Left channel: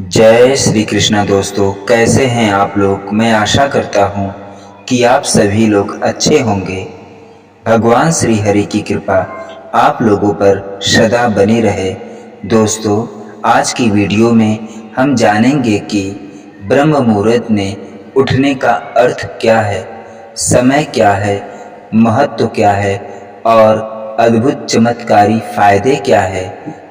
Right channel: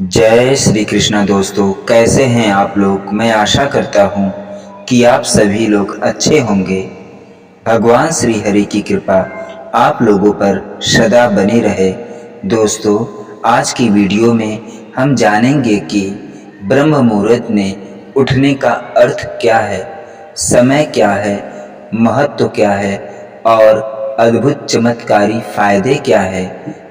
जय श्री कृष्णा दोस्तों, कैसे हैं आप लोग। मैं आशा करता हूँ कि आप सभी लोग अच्छे होंगे। भगवान श्री हरि की कृपा आप लोगों पर सदा बनी रहे। दोस्तों, आज की वीडियो में हम जानेंगे कि ब्रह्म मुहूर्त में उठने का अर्थ क्या है, समय क्या है, महत्व क्या है और अद्भुत चमत्कारी फायदे क्या है।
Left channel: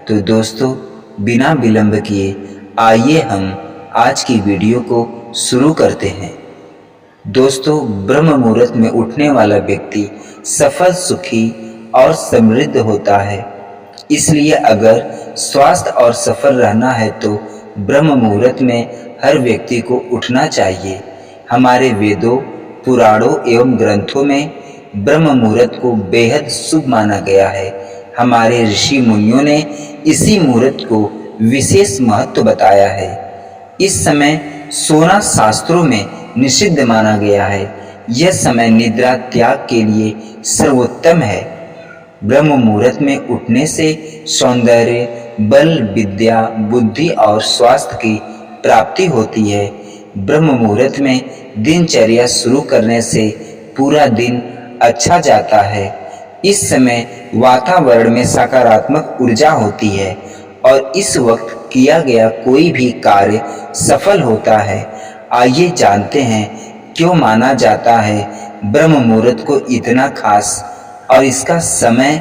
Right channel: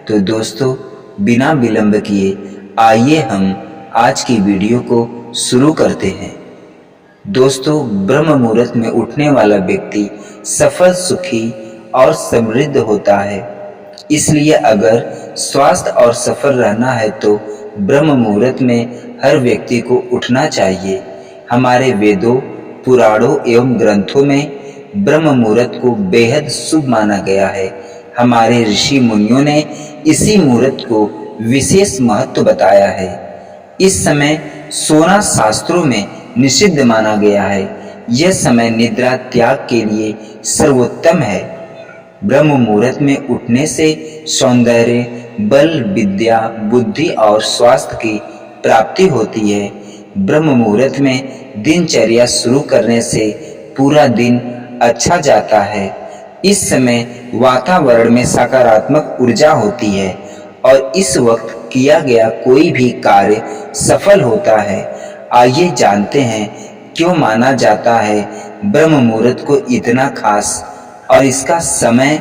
तो दोस्तों, बिना विलंब किए आइए हम आज की वीडियो को शुरू करते हैं। दोस्तों, ब्रह्म मुहूर्त में उठने वाला व्यक्ति सफल, सुखी और समृद्ध होता है। इसलिए अगर स्वास्थ्य और सफल रहना है तो ब्रह्म मुहूर्त में हर व्यक्ति को उठना चाहिए। हमारे वेदों, पुराणों एवं ग्रंथों में ब्रह्म मुहूर्त को बेहद शुभ माना गया है। हमारे ऋषि मुनियों ने इसी मुहूर्त को विशेष महत्व बताया है। इस समय सोना शास्त्रों में निषिद्ध माना गया है। यह समय निद्रा त्याग के लिए सर्वोत्तम है। ब्रह्म मुहूर्त में उठने से सौंदर्य, बल, विद्या, बुद्धि और स्वास्थ्य की प्राप्ति होती है। ब्रह्म मुहूर्त में दिनचर्या शुरू करने से पूरा दिन अच्छा जाता है। इस समय वातावरण में सकारात्मक ऊर्जा होती है और इस वक्त किया गया कोई भी कार्य सफल होता है। आइए जानते हैं क्यों माना जाता है ब्रह्म मुहूर्त को इतना खास और इसका समय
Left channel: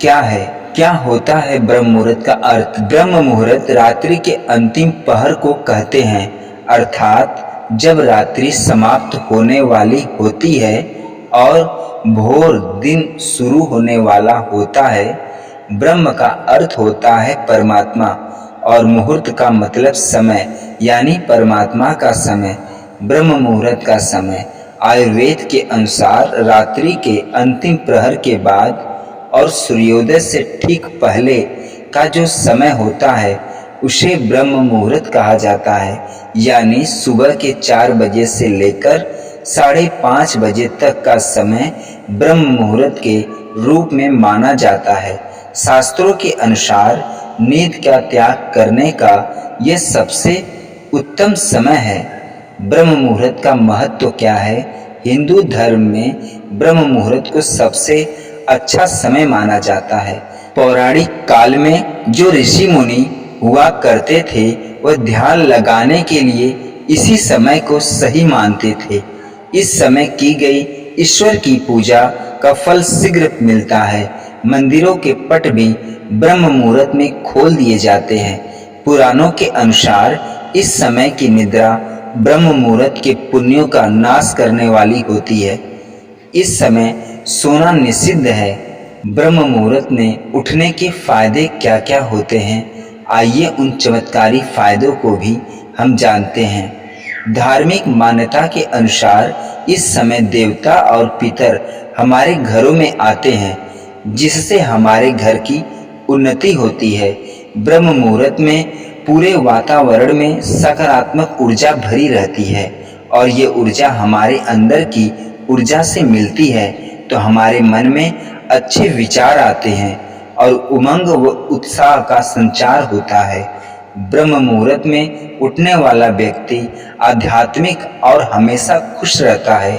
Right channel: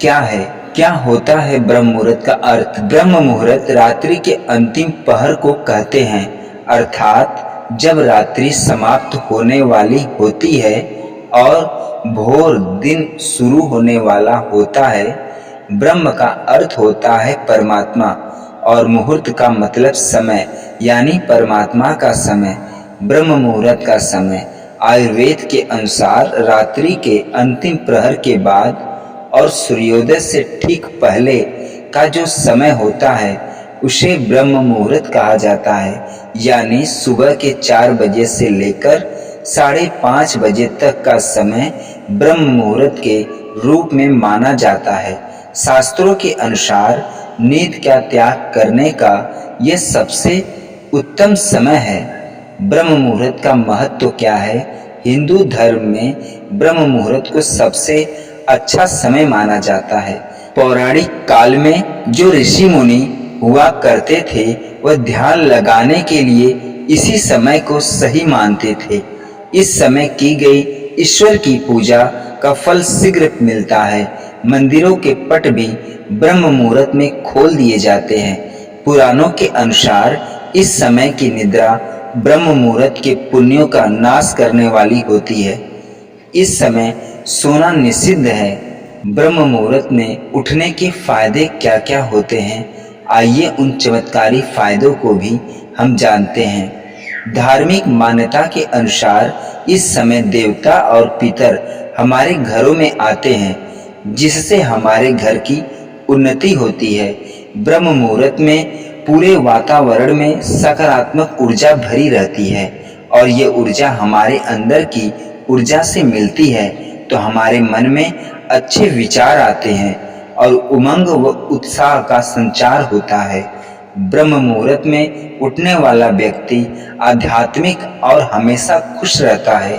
क्या है। क्या होता है ब्रह्म मुहूर्त का अर्थ। ब्रह्म मुहूर्त रात्रि के अंतिम पहर को कहते हैं, अर्थात जब रात्रि समाप्त होने वाली होती है और भोर दिन शुरू होने वाला होता है। ब्रह्म का अर्थ होता है परमात्मा और मुहूर्त का मतलब समय, यानी परमात्मा का समय। ब्रह्म मुहूर्त का समय आयुर्वेद के अनुसार रात्रि के अंतिम प्रहर के बाद और सूर्योदय से ठीक पहले का जो समय होता है उसे ब्रह्म मुहूर्त कहा जाता है। यानी सुबह के 4 बजे से लेकर 5:30 बजे तक का समय ब्रह्म मुहूर्त के रूप में माना जाता है। शास्त्रों के अनुसार नींद का त्याग करने का यह सबसे उत्तम समय है। ब्रह्म मुहूर्त का महत्व क्या है। हिंदू धर्म में ब्रह्म मुहूर्त को सबसे अच्छा समय माना जाता है। पौराणिक काल में जो ऋषि मुनि हुआ करते थे वह ध्यान लगाने के लिए इसी समय को सही मानते थे। इस समय की गई ईश्वर की पूजा का फल शीघ्र मिलता है। मंदिरों के पट भी ब्रह्म मुहूर्त में खोल दिए जाते हैं। पुराणों के अनुसार इस समय की निद्रा ब्रह्म मुहूर्त के पुण्यों का नाश करने वाली होती है। इस समय सोना निषिद्ध है। ब्रह्म मुहूर्त में उठने के फायदे क्या क्या होते हैं, आइए उन चमत्कारी फायदों को भी हम जानते हैं। धार्मिक मान्यता के अनुसार इस समय देवता और पितर हमारे घरों में आते हैं, जिससे हमारे घर की उन्नति होती है। ब्रह्म मुहूर्त में पूरे वातावरण में सकारात्मक ऊर्जा भरी रहती है और ये ऊर्जा हमारे अंदर की ऊर्जा से मिलती है तो हमारे मन में अच्छे विचार आते हैं और उमंग व उत्साह का संचार होता है। ब्रह्म मुहूर्त में उठने वाला व्यक्ति आध्यात्मिक और हमेशा खुश रहता है।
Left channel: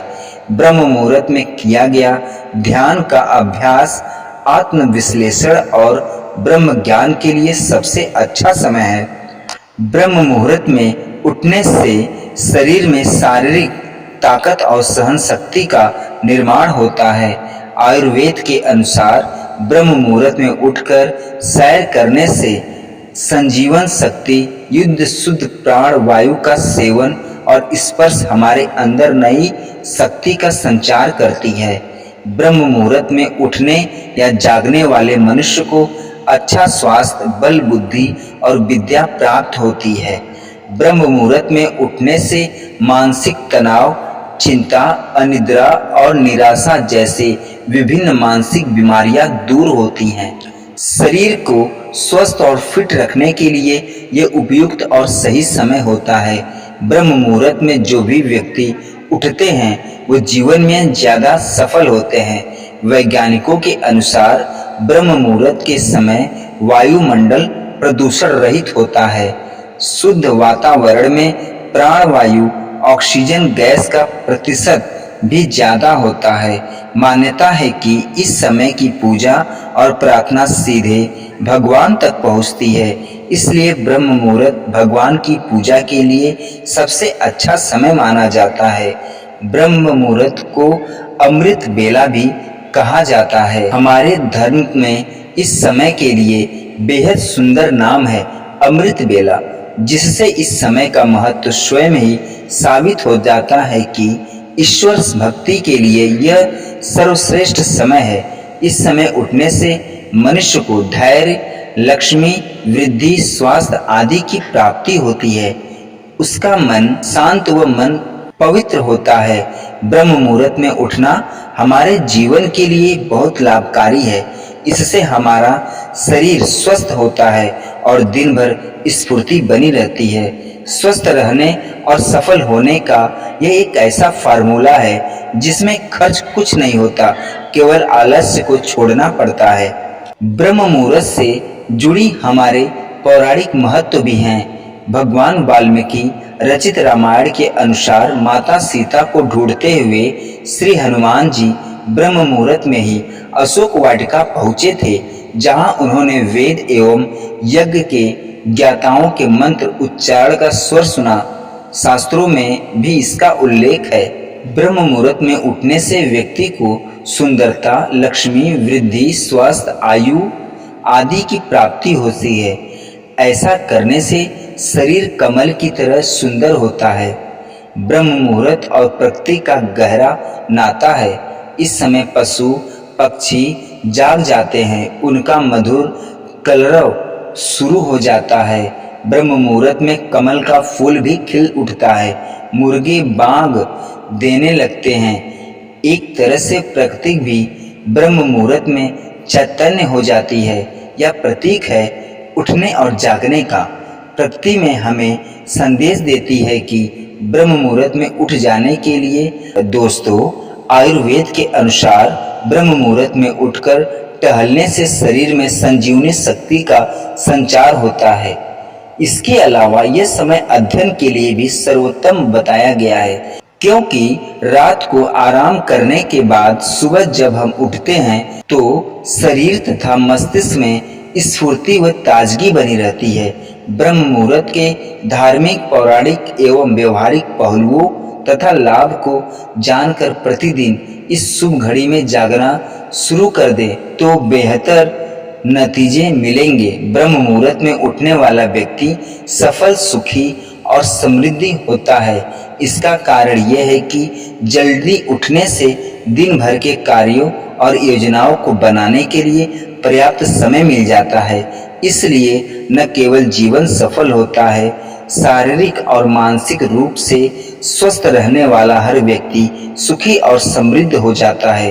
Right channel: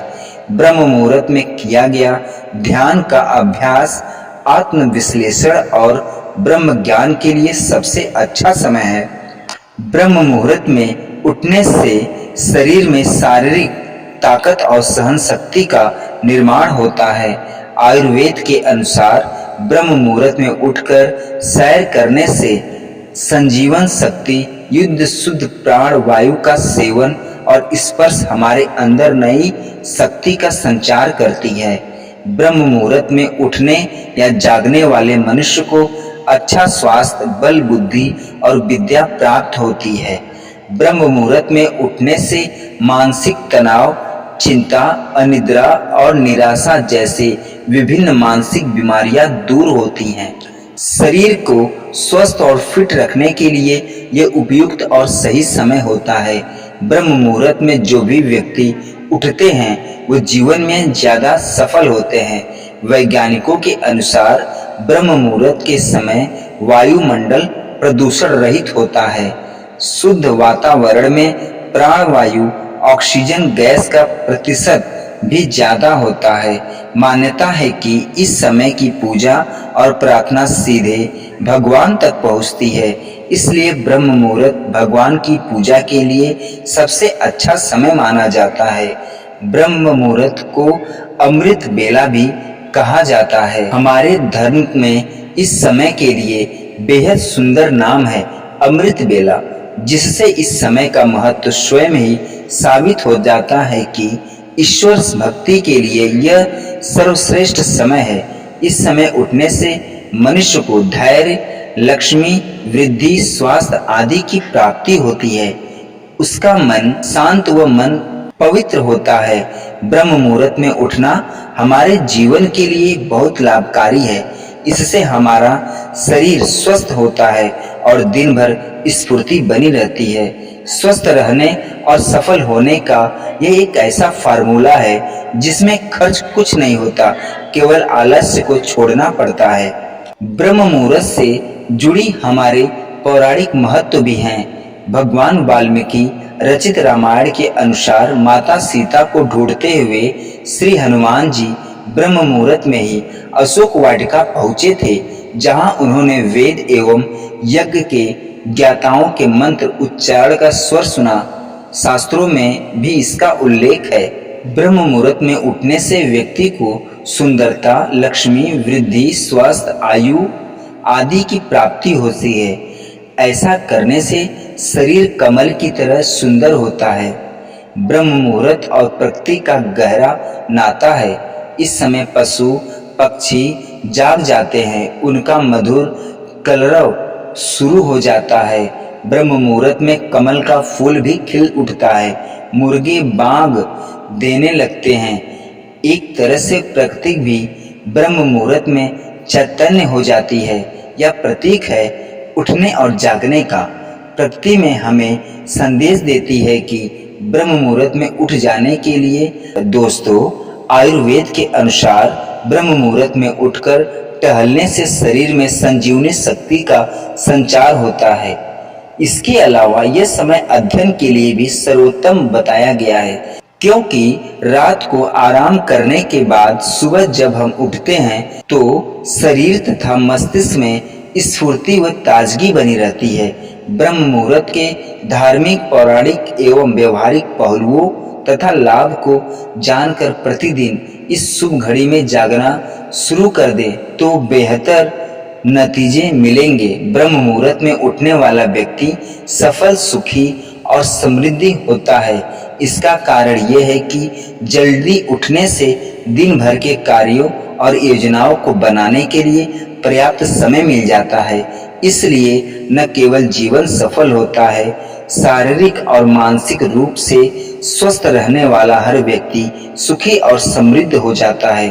ब्रह्म मुहूर्त में किया गया ध्यान का अभ्यास आत्मविश्लेषण और ब्रह्म ज्ञान के लिए सबसे अच्छा समय है। ब्रह्म मुहूर्त में उठने से शरीर में शारीरिक ताकत और सहन शक्ति का निर्माण होता है। आयुर्वेद के अनुसार ब्रह्म मुहूर्त में उठकर सैर करने से संजीवन शक्ति, युद्ध शुद्ध प्राण वायु का सेवन और स्पर्श हमारे अंदर नई शक्ति का संचार करती है। ब्रह्म मुहूर्त में उठने या जागने वाले मनुष्य को अच्छा स्वास्थ्य, बल, बुद्धि और विद्या प्राप्त होती है। ब्रह्म मुहूर्त में उठने से मानसिक तनाव, चिंता, अनिद्रा और निराशा जैसे विभिन्न मानसिक बीमारियां दूर होती हैं। शरीर को स्वस्थ और फिट रखने के लिए यह उपयुक्त और सही समय होता है। ब्रह्म मुहूर्त में जो भी व्यक्ति उठते हैं वो जीवन में ज़्यादा सफल होते हैं। वैज्ञानिकों के अनुसार ब्रह्म मुहूर्त के समय वायुमंडल प्रदूषण रहित होता है। शुद्ध वातावरण में प्राणवायु ऑक्सीजन गैस का प्रतिशत भी ज्यादा होता है। मान्यता है कि इस समय की पूजा और प्रार्थना सीधे भगवान तक पहुंचती है, इसलिए ब्रह्म मुहूर्त भगवान की पूजा के लिए सबसे अच्छा समय माना जाता है। ब्रह्म मुहूर्त को अमृत बेला भी कहा जाता है। हमारे धर्म में इस समय के लिए बेहद सुंदर नाम है अमृत बेला, जिससे इस समय का महत्व स्वयं ही साबित हो जाता है कि ईश्वर भक्ति के लिए यह सर्वश्रेष्ठ समय है। इस समय उठने से मनुष्य को धैर्य, लक्ष्मी, वृद्धि, स्वास्थ्य आदि की प्राप्ति होती है। उसका मन शांत व मन पवित्र होता है। ब्रह्म मुहूर्त में उठना हमारे जीवन के लिए बहुत लाभकारी है। इससे हमारा शरीर स्वस्थ होता है और दिन भर स्फूर्ति बनी रहती है। स्वस्थ रहने और सफल होने का यह एक ऐसा फार्मूला है जिसमें खर्च कुछ नहीं होता, केवल आलस्य को छोड़ना पड़ता है। ब्रह्म मुहूर्त से जुड़ी हमारे पौराणिक महत्व भी हैं। भगवान वाल्मीकि रचित रामायण के अनुसार माता सीता को ढूंढते हुए श्री हनुमान जी ब्रह्म मुहूर्त में ही अशोक वाटिका पहुँचे थे, जहाँ उन्होंने वेद एवं यज्ञ के ज्ञाताओं के मंत्र उच्चारण का स्वर सुना। शास्त्रों में भी इसका उल्लेख है। ब्रह्म मुहूर्त में उठने से व्यक्ति को सुंदरता, लक्ष्मी, वृद्धि, स्वास्थ्य, आयु आदि की प्राप्ति होती है। ऐसा करने से शरीर कमल की तरह सुंदर होता है। ब्रह्म मुहूर्त और प्रकृति का गहरा नाता है। इस समय पशु पक्षी जाग जाते हैं, उनका मधुर कलरव शुरू हो जाता है। ब्रह्म मुहूर्त में कमल का फूल भी खिल उठता है, मुर्गे बाग देने लगते हैं। एक तरह से प्रकृति भी ब्रह्म मुहूर्त में चैतन्य हो जाती है। यह प्रतीक है उठने और जागने का। प्रकृति में हमें संदेश देती है कि ब्रह्म मुहूर्त में उठ जाने के लिए। दोस्तों, आयुर्वेद के अनुसार ब्रह्म मुहूर्त में उठकर टहलने से शरीर में संजीवनी शक्ति का संचार होता है। इसके अलावा यह समय अध्ययन के लिए भी सर्वोत्तम बताया गया है, क्योंकि रात को आराम करने के बाद सुबह जब हम उठते हैं तो शरीर तथा मस्तिष्क में स्फूर्ति व ताजगी बनी रहती है। ब्रह्म मुहूर्त के धार्मिक, पौराणिक एवं व्यवहारिक पहलुओं तथा लाभ को जानकर प्रतिदिन इस शुभ घड़ी में जागना शुरू कर दे तो बेहतर नतीजे मिलेंगे। ब्रह्म मुहूर्त में उठने वाला व्यक्ति सफल, सुखी और समृद्धि होता है। इसका कारण यह है कि जल्दी उठने से दिन भर के कार्यों और योजनाओं को बनाने के लिए पर्याप्त समय मिल जाता है। इसलिए न केवल जीवन सफल होता है, शारीरिक और मानसिक रूप से स्वस्थ रहने वाला हर व्यक्ति सुखी और समृद्ध हो जाता है।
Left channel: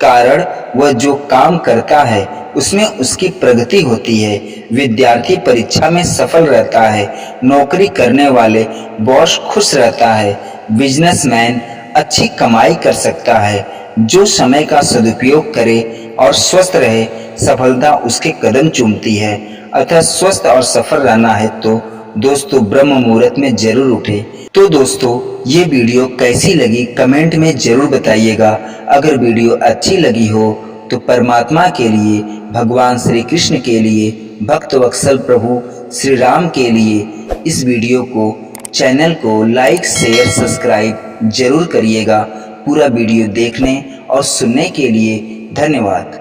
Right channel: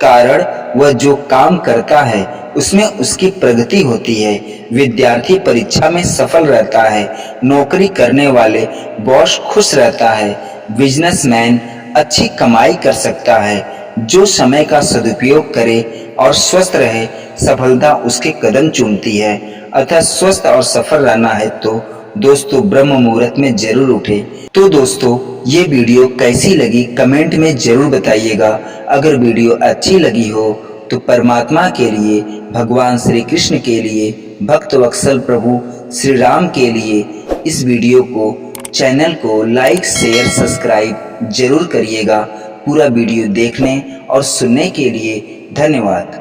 कारण वह जो काम करता है उसमें उसकी प्रगति होती है। विद्यार्थी परीक्षा में सफल रहता है, नौकरी करने वाले बॉस खुश रहता है, बिजनेसमैन अच्छी कमाई कर सकता है। जो समय का सदुपयोग करे और स्वस्थ रहे, सफलता उसके कदम चूमती है। अतः स्वस्थ और सफल रहना है तो दोस्तों ब्रह्म मुहूर्त में जरूर उठे। तो दोस्तों, ये वीडियो कैसी लगी कमेंट में जरूर बताइएगा। अगर वीडियो अच्छी लगी हो तो परमात्मा के लिए, भगवान श्री कृष्ण के लिए, भक्त वत्सल प्रभु श्री राम के लिए इस वीडियो को, चैनल को लाइक, शेयर, सब्सक्राइब जरूर करिएगा। पूरा वीडियो देखने और सुनने के लिए धन्यवाद।